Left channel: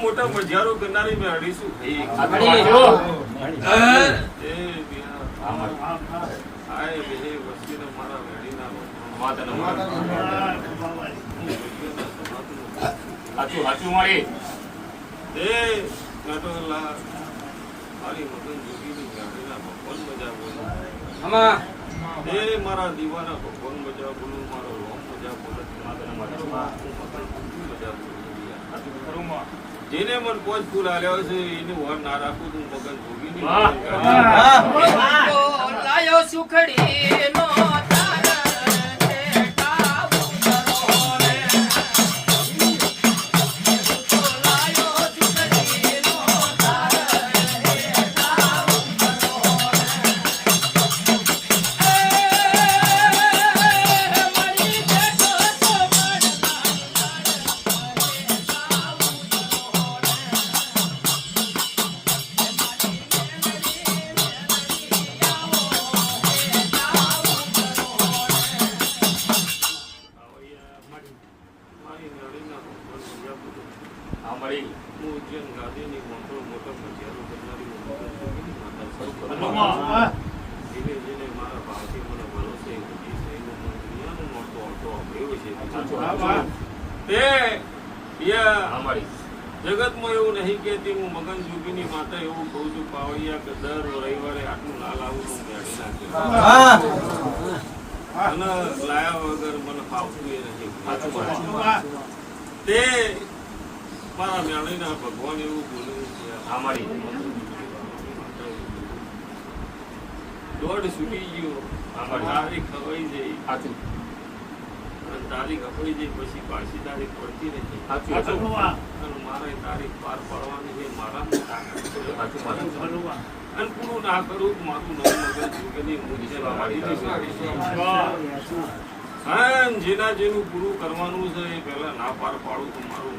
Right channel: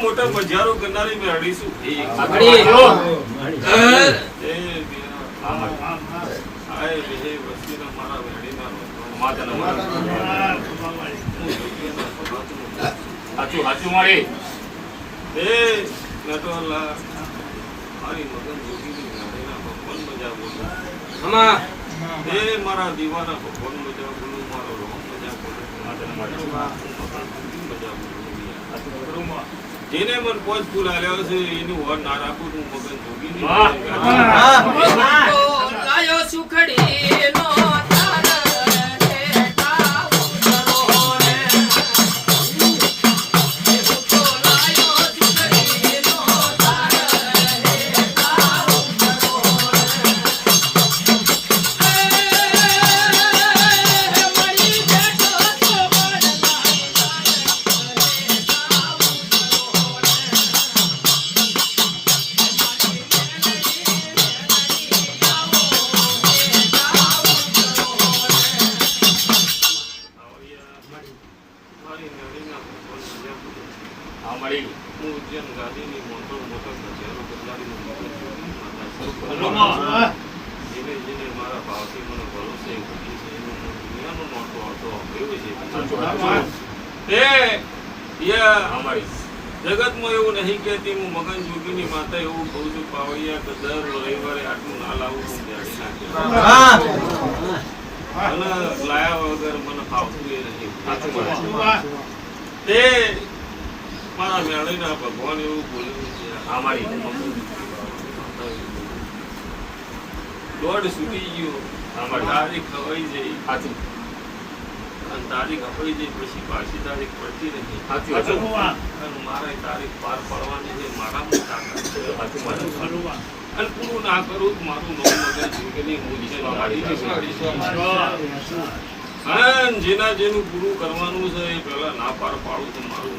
મોટા મજારો કરનારી મેળવીશું હાચું હાચું મારી એ નટોલા મારી મગન જોગીની ગાડીના ભગવાન મજા બોલો હમા એ મારા દીવાના ભગવાન મજા બોલો મારો રોમ મજા બોલો માતાના મજા બોલો જેને મન પોચ ફૂલ આલ્યો છે એનું વર ના રાખું તું મગન જોગીની લાયો સુખડી નો જગતમાં એવું નહીં કેતી હું મગન જોગીની માતા એવું કહું છું પાવડિયા કે દર રવિવારે આટલું ના લાવું અને લાયા વગર મને ફાવતું એ નહીં તે મારા મેળીના ભગવાન એવું બોલ્યું છે અમારી દોડ છૂટી ગયો તારીખ ખવાઈ જઈ સાચું તારીખ અપાઈ જઈ પછી પાછી તારીખ પડતી રહી મારે તારીખ પાર પાડવાની છે મારામાં તાકાત છે અને પૂરું ના કરું મારું નવું મગજ જેના જેનું પૂરું કરવાનું છે એ પેલા ના પાર પાડું તો મારું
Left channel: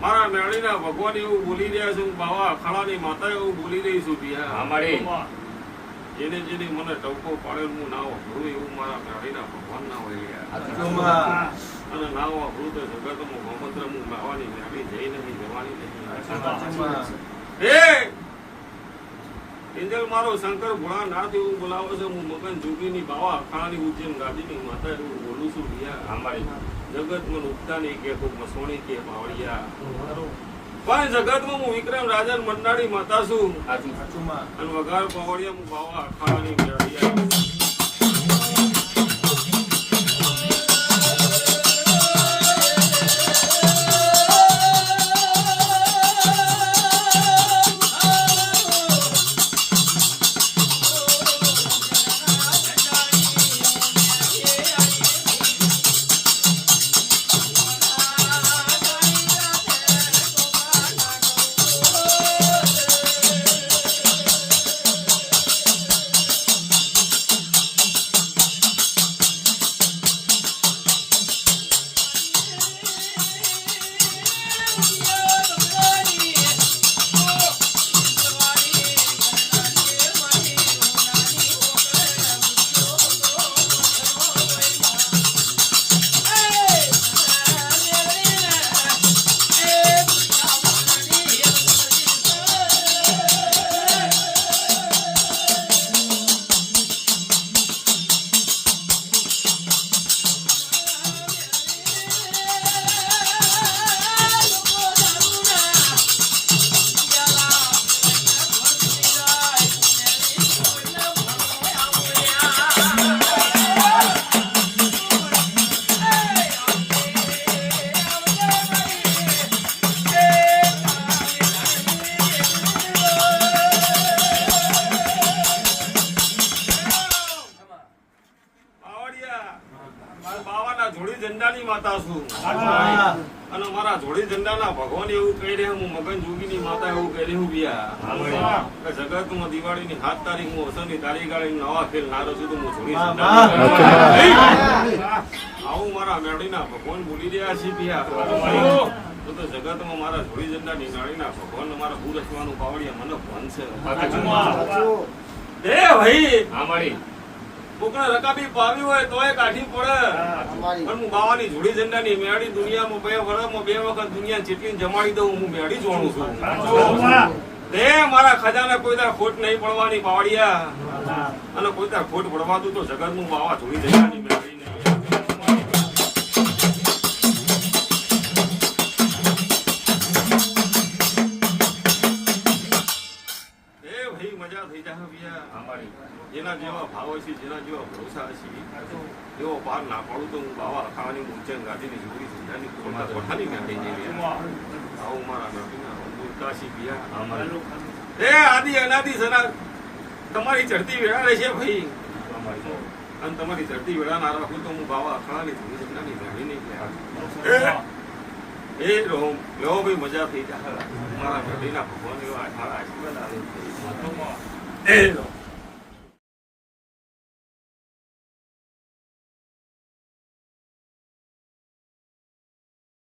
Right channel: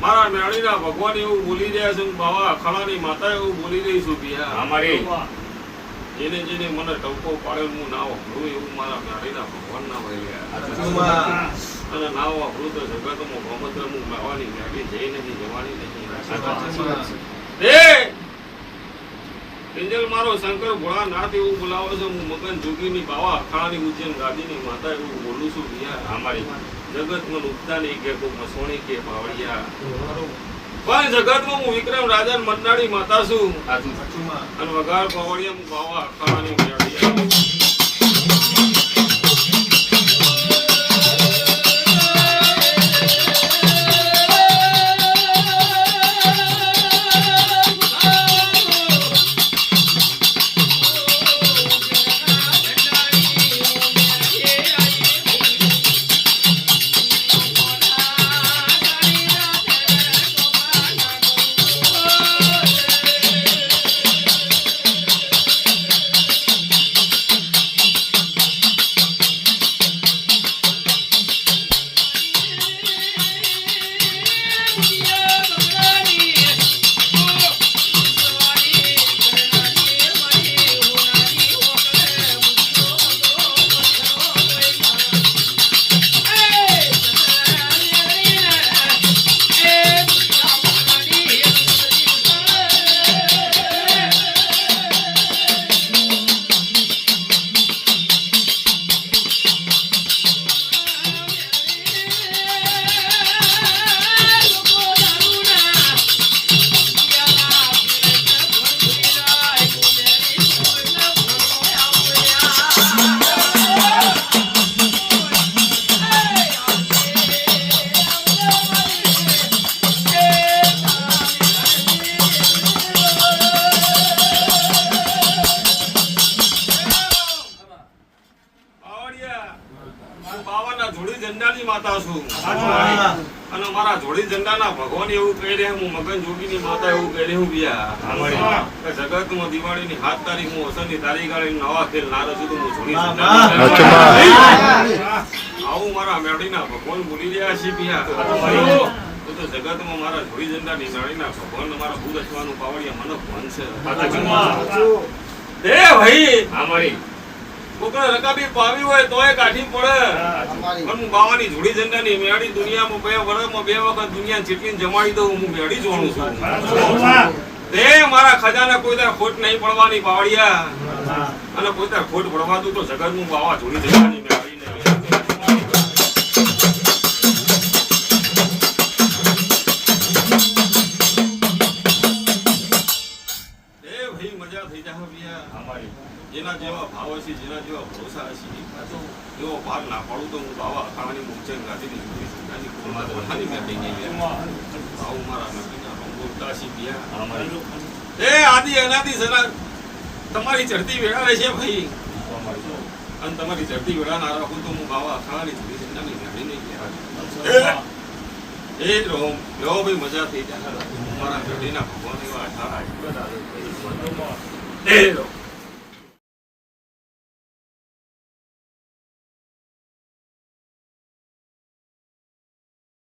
મારા મેળીના ભગવાન એવું બોલી રહ્યા છે બાવા અખાડાની માતા એવું બોલી રહી છું જેને જેને મને ટવકો પાડેલ હું ના વાપરું એવું મારા મેળીના ભગવાન ના હોય અને ના વાપરું તો જગતમાં મોહમ્મદ હું લાવવાની મેળી જઈ નથી જવાની નહીં એન્જલ મારો શંકર ભોળાનાથ એવું બોલાવે છે હું મગન જોગીની બાવા અખાડાની ઉજ્જૈન ગાદીની માતા એવું બોલું છું અમારી જગતમાં ઉપતા નહીં કે કોઈ મસોણી કે પાવડિયા પણ જગતમાં હું વિક્રમ રાજા મન્નાડી માતા છું અને વગાર પાવડિયા હું બાવા અખાડાની મેળિયા માતા છું અને મારા જોડી ઝંડાના ભગવાન એવું કહી રહ્યા હું મગન જોગીની માતા એવું કહી રહ્યું બિયા જગતમાં દિવાળીની 7 તારીખ હું હસનની તારીખ ગાળી નવા ખેલ ના રસું તો હું જોડી ઝંડા આવું મારા મેળીના ભગવાન બોલી રહ્યા છે પિયા તો જગતમાં મારા જોડી ઝંડા નિશાળીના ભગવાન મારા ભૂ રચવાનું પાવડિયા મને ભણ છે એ ભાઈ અમારી કોકને રકાબી પાવી હોય તોય કાઢી પડે પણ હું બાવાની જોડી ઝંડાની મેળી દુનિયામાં બે વર્ષમાં 2 વખત દુનિયા જેટલી જમાડી દઉં હું મેળી જોણું છું તે મારા ખજાને કોઈ તાર ખોટ નહીં પડવાની પાવડિયા અને કોઈ તાર ખોટ પડવાતું તો જગતનું બાવા જોડી ઝંડાની મેળી મજા થઈ જાય ભૈયા અમારી જેના જેવા ભાવ હશે જેના જેવા ભરોસા હશે એવો પાર ના પાડું તો હું બાવા અખાવાની મૂર્છન ગાંધીની જોડી ઝંડાની ખોલમાં વઠાની મેં થઈ જઈ આવું મારા નબીના કાશી પિયા અમારી એ આદિ અનાદિ સના તમારી ચડતી વેળા રહેશે ભાઈ અને તમારી ચડતી વેળા ના રાખું તો હું બાવા અખાવાની જોડી ઝંડાની ગાડી નહીં લેવા એ રહો ભાઈ મજા થઈ જાય મારા ઘડીના ભગવાન એવા એ રહો